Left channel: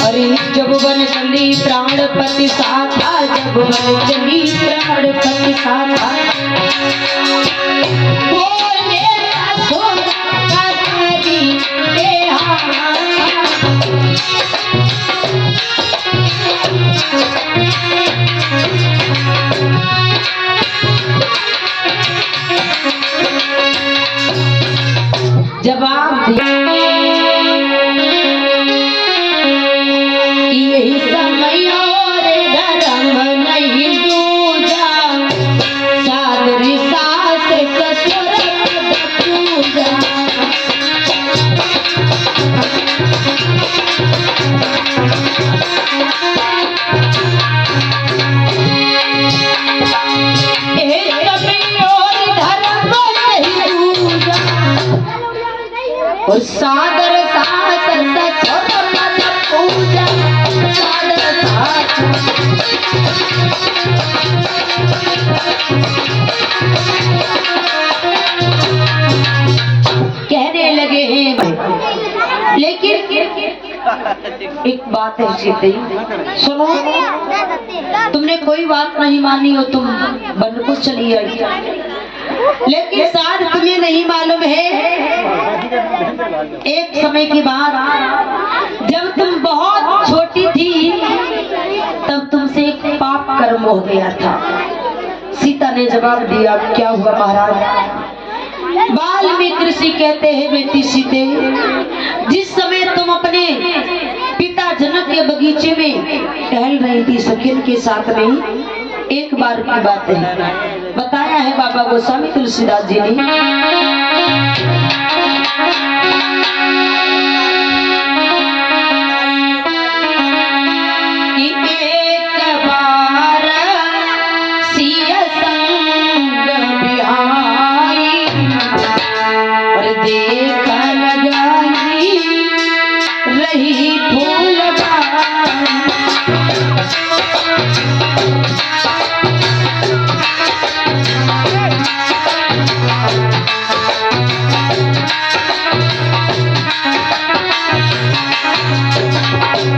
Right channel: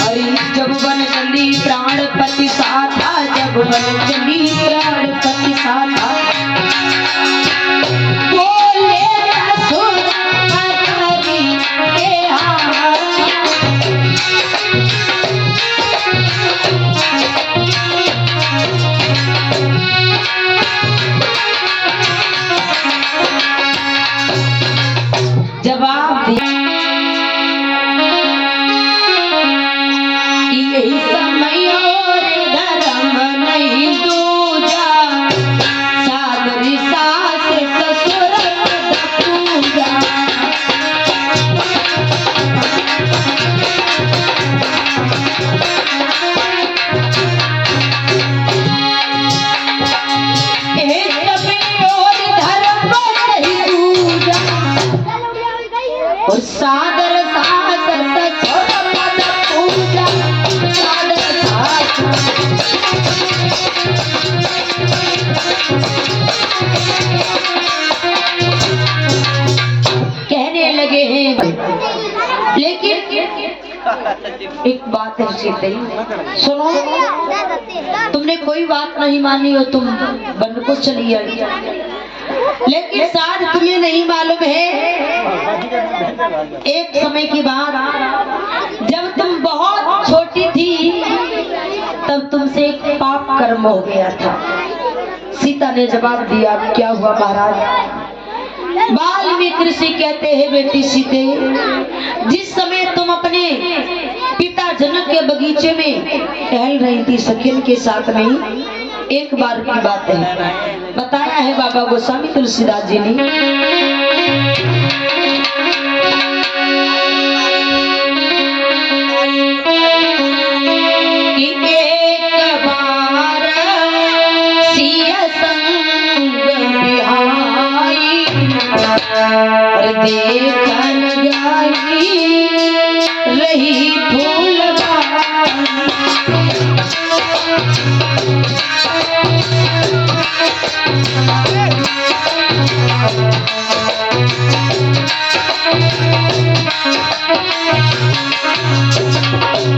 अरे जब वन चली प्राणपति साथा, जब वन चली प्राणपति साथा, बोले असुर करी के हाथ। जवाब दिया यही समय और धर्म नहीं दूजा, सादरी सास ससुर पद पूजा। सादर सास ससुर पद पूजा, सादर सास। कहने लगे हैं, लेकिन एक बात है सीते, सुनो, तुमने कोई बात नहीं मानी हो, तुम बन को चली आई, लेकिन शायद तुम्हें नहीं मालूम है, एक समय की बात, जब तुम बहुत छोटी थी तब तुमसे एक पाप कर्म हो गया था। सीता ने जवाब दिया, क्या हुआ महाराज? वाल्मीकि ऋषि कहते हैं, बेटी सीते, जिस समय तुम अपने पिता जनक के बगीचे में टहल रही थी सखिन के साथ में, एक बार की बात है, बताया है बाबा गोस्वामी तुलसीदास जी ने, कि एक बार सिय संग बिहाई, और देख लगाई रही फूल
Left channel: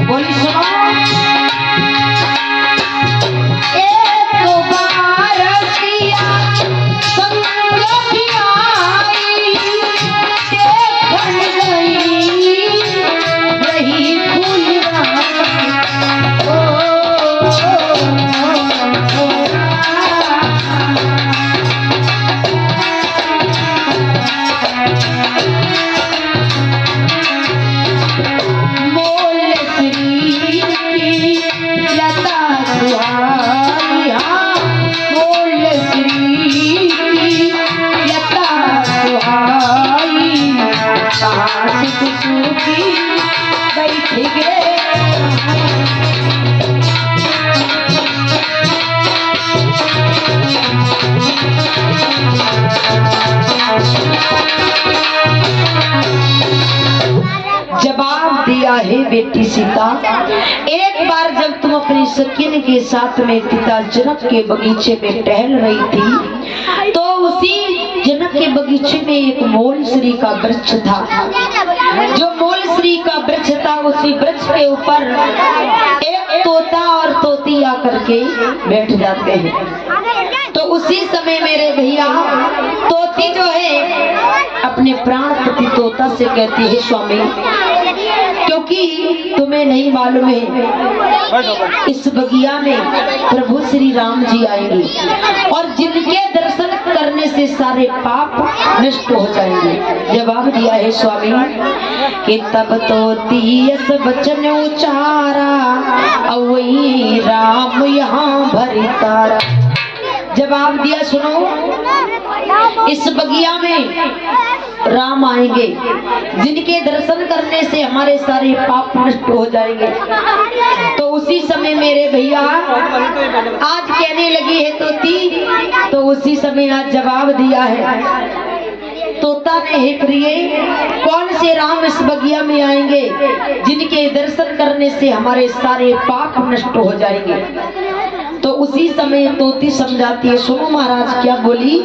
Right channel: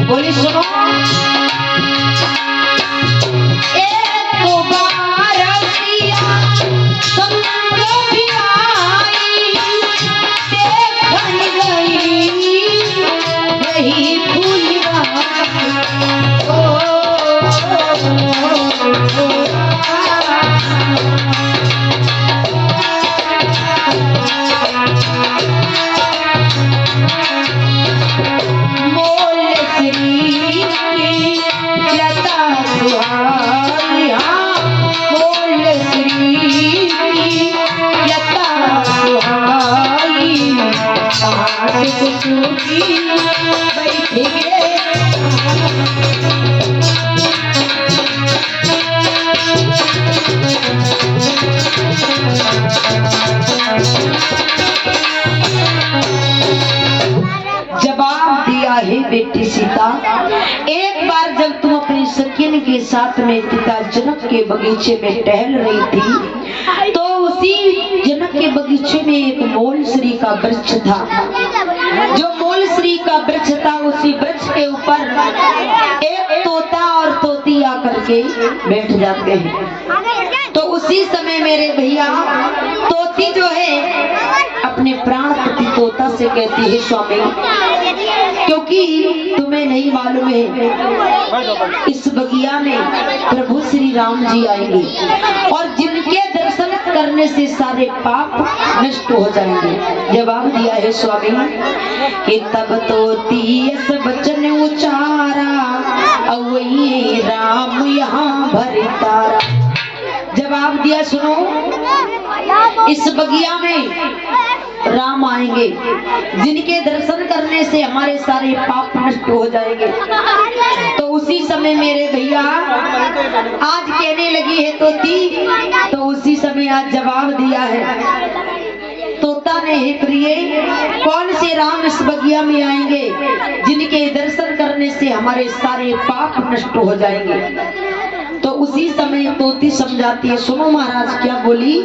बोली, सुनो, एक बार सिया संग बिहाई, देखन गई रही फूलवाई। जवाब दिया है बेटी सीता, एक बार जब तुम अपनी सखिन के साथ में पिता जनक के बगीचे में टहल रही थी, तो उसी जनक के बगीचे में एक मोलश्री का वृक्ष था। जो मोलश्री का वृक्ष था, उसी वृक्ष के ऊपर एक तोता और तोती आकर के बैठ जाते हैं। तो उसी समय मेरे भैया, तोती जो है अपने प्राण पति तोता से कहती है, स्वामी, क्योंकि तुम्हें नहीं मालूम है इस बगिया में प्रभु श्री राम जी आएंगे और जिनके दर्शन करने से सारे पाप नष्ट हो जाएंगे। जवाब दिया है स्वामी कि तब तोती इस वचन उचारा, वही राम यहाँ भरी तारा। जवाब दिया, सुनो, इस बगिया में राम आएंगे जिनके दर्शन करने से हमारे सारे पाप नष्ट हो जाएंगे। तो उसी समय मेरे भैया आज कहने लगी है तोती, तो उसी समय आज जवाब दिया है तोता ने, हे प्रिय, कौन से राम इस बगिया में आएंगे जिनके दर्शन करने से हमारे सारे पाप नष्ट हो जाएंगे। तो उसी समय तोती समझाती है, सुनो महाराज क्या बोली,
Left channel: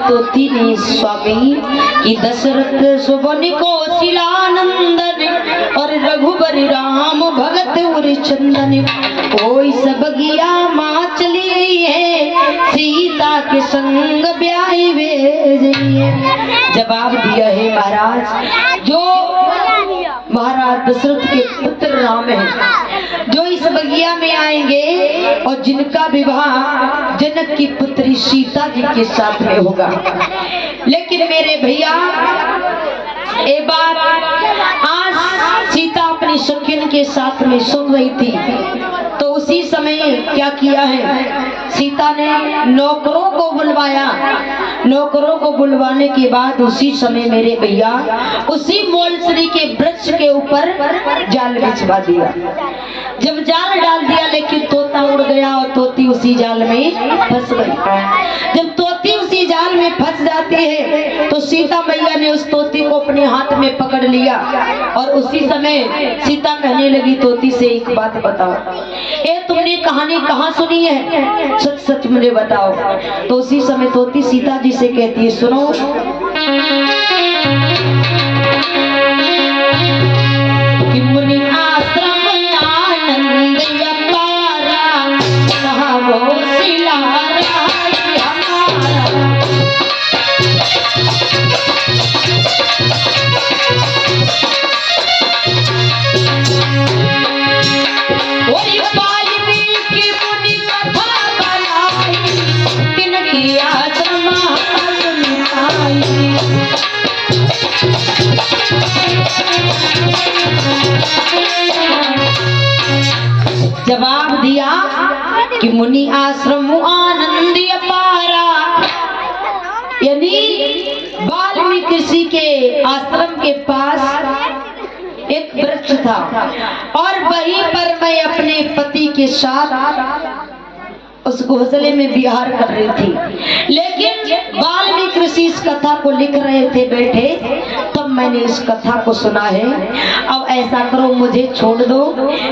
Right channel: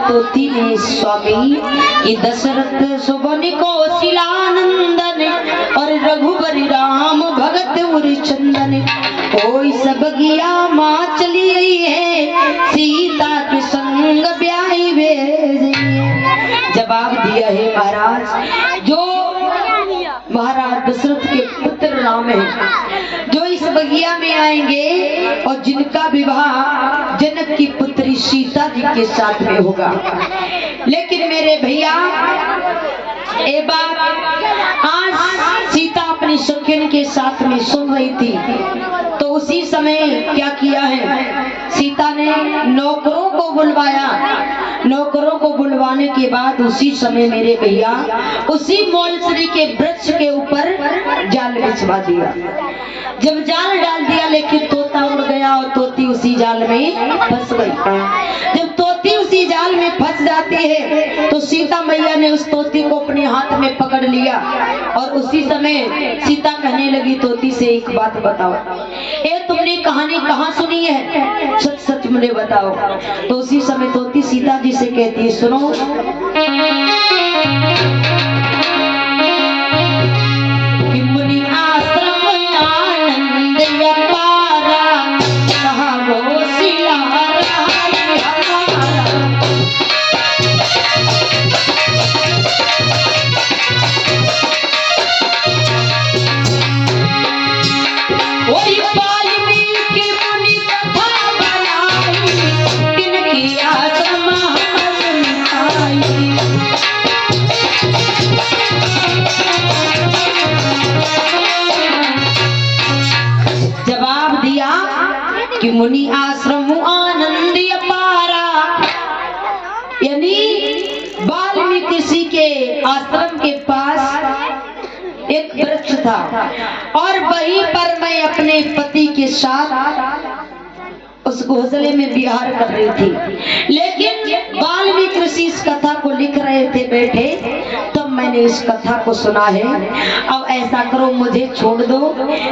तोती ने स्वामी कि दशरथ सुबन को शिलानंदन और रघुबर राम भगत उर चंदन कोई सब गया माँ चली गई है सीता के संग ब्याही भेजिए। जवाब दिया है महाराज, जो महाराज दशरथ के पुत्र राम है जो इस बगिया में आएंगे और जिनका विवाह जनक की पुत्री सीता जी के साथ में होगा। लेकिन मेरे भैया एक बात, आज सीता अपनी सखियन के साथ में सुन रही थी तो उसी समय क्या किया है, सीता ने नौकरों को बुलवाया। नौकरों को बुलवाने के बाद उसी समय मेरे भैया उसी मौलसरी के वृक्ष के ऊपर जाल बिछवा दिया। जब जाल डाल दिया लेकिन तोता उड़ गया और तोती उसी जाल में फंस गई। जब तोती उसी जाल में फंस जाती है तो सीता मैया ने उस तोती को अपने हाथ में पकड़ लिया और उसी समय सीता कहने लगी तोती से, एक बात बताओ, ए तुमने कहानी कहाँ सुनी है, सच सच मुझे बताओ। तो उसी समय तोती सीता जी से कहती है, सुनो, कि मुनि आश्रम आनंद अपारा कहा वो सिला जवाब दिया कि मुनि आश्रम आनंद अपारा, यानी वाल्मीकि ऋषि के आश्रम के पास एक वृक्ष था और वहीं पर मैं अपने पति के साथ उस घोंसले में विहार कर रही थी। लेकिन वाल्मीकि ऋषि इस कथा को लिख रहे थे बैठे, तब मैंने इस कथा को सुना है। अब ऐसा करो, मुझे छोड़ दो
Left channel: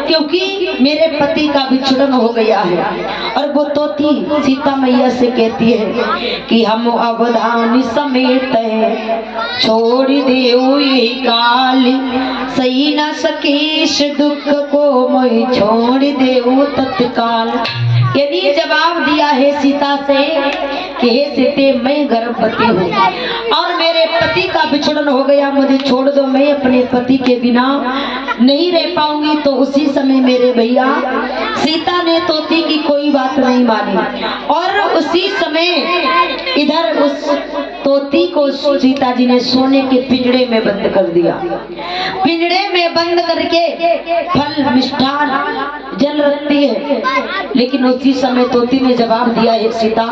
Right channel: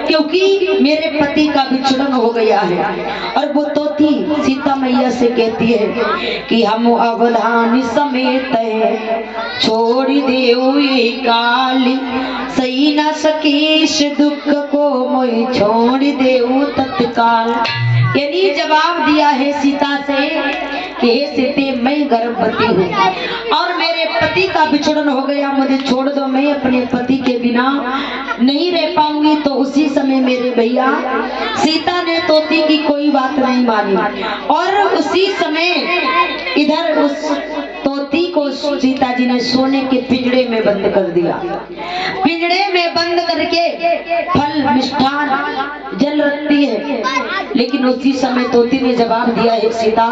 क्योंकि मेरे पति का विछड़न हो गया है। और वो तोती सीता मैया से कहती है कि हम अवधानी समेत छोड़ देऊ ये काली, सही न सकेश दुख को मोहि छोड़ देऊ तत्काल। यानी जवाब दिया है सीता से कि हे सीते, मैं गर्भवती हूँ और मेरे पति का विछड़न हो गया, मुझे छोड़ दो, मैं अपने पति के बिना नहीं रह पाऊंगी। तो उसी समय मेरे भैया सीता ने तोती की कोई बात नहीं मानी और उसी समय इधर उस तोती को सीता जी ने सोने के पिंजड़े में बंद कर दिया। पिंजड़े में बंद करके फल मिष्ठान जल रखती है। लेकिन उसी समय तोती ने जवाब दिया है, सीता,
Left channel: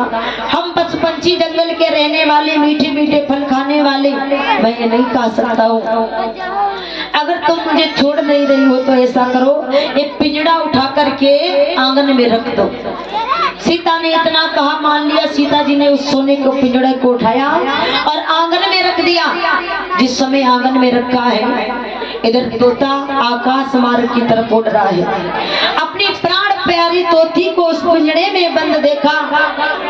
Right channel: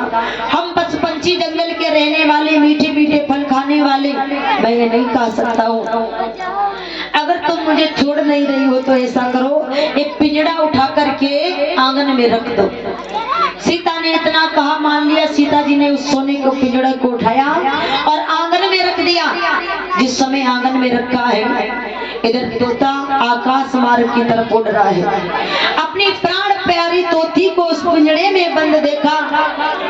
हम पशु पंछी जंगल के रहने वाले, मीठे मीठे फल खाने वाले, मैं ये नहीं खा सकता हूँ। अगर तुम मुझे छोड़ नहीं रही हो तो ऐसा करो, एक पिंजड़ा उठा करके आंगन में रख दो। सीता ने इतना कहा, मान लिया। सीता जी ने उस सोने के पिंजड़े को उठाया और आंगन में रख दिया। जिस समय आंगन में रखा है, इधर तोता आकाश मार्ग की तरफ उड़ रहा है। अपनी प्राण प्यारी तोती को उस पिंजड़े में बंद देखा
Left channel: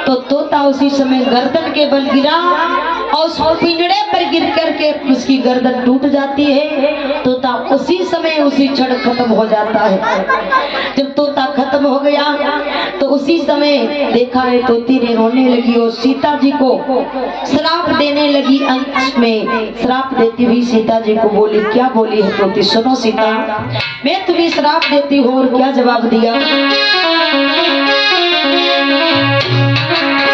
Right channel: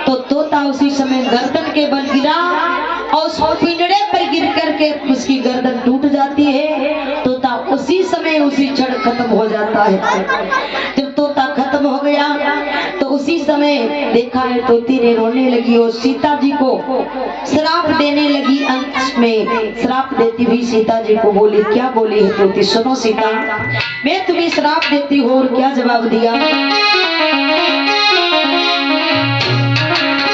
तो तोता उसी समय गर्दन के बल गिरा और उस पिंजड़े पर गिर करके उसकी गर्दन टूट जाती है। तोता उसी समय उसी क्षण खत्म हो जाता है। जब तोता खत्म हो गया तो उसी समय देखा है तोती ने रोने लगी और सीता जी को श्राप देने लगी। अंत में श्राप देती हुई सीता जी को बोली, क्या बोली है तोती, सुनो सीता, मैं तुम्हें श्राप देती हूँ। और क्या जवाब दिया?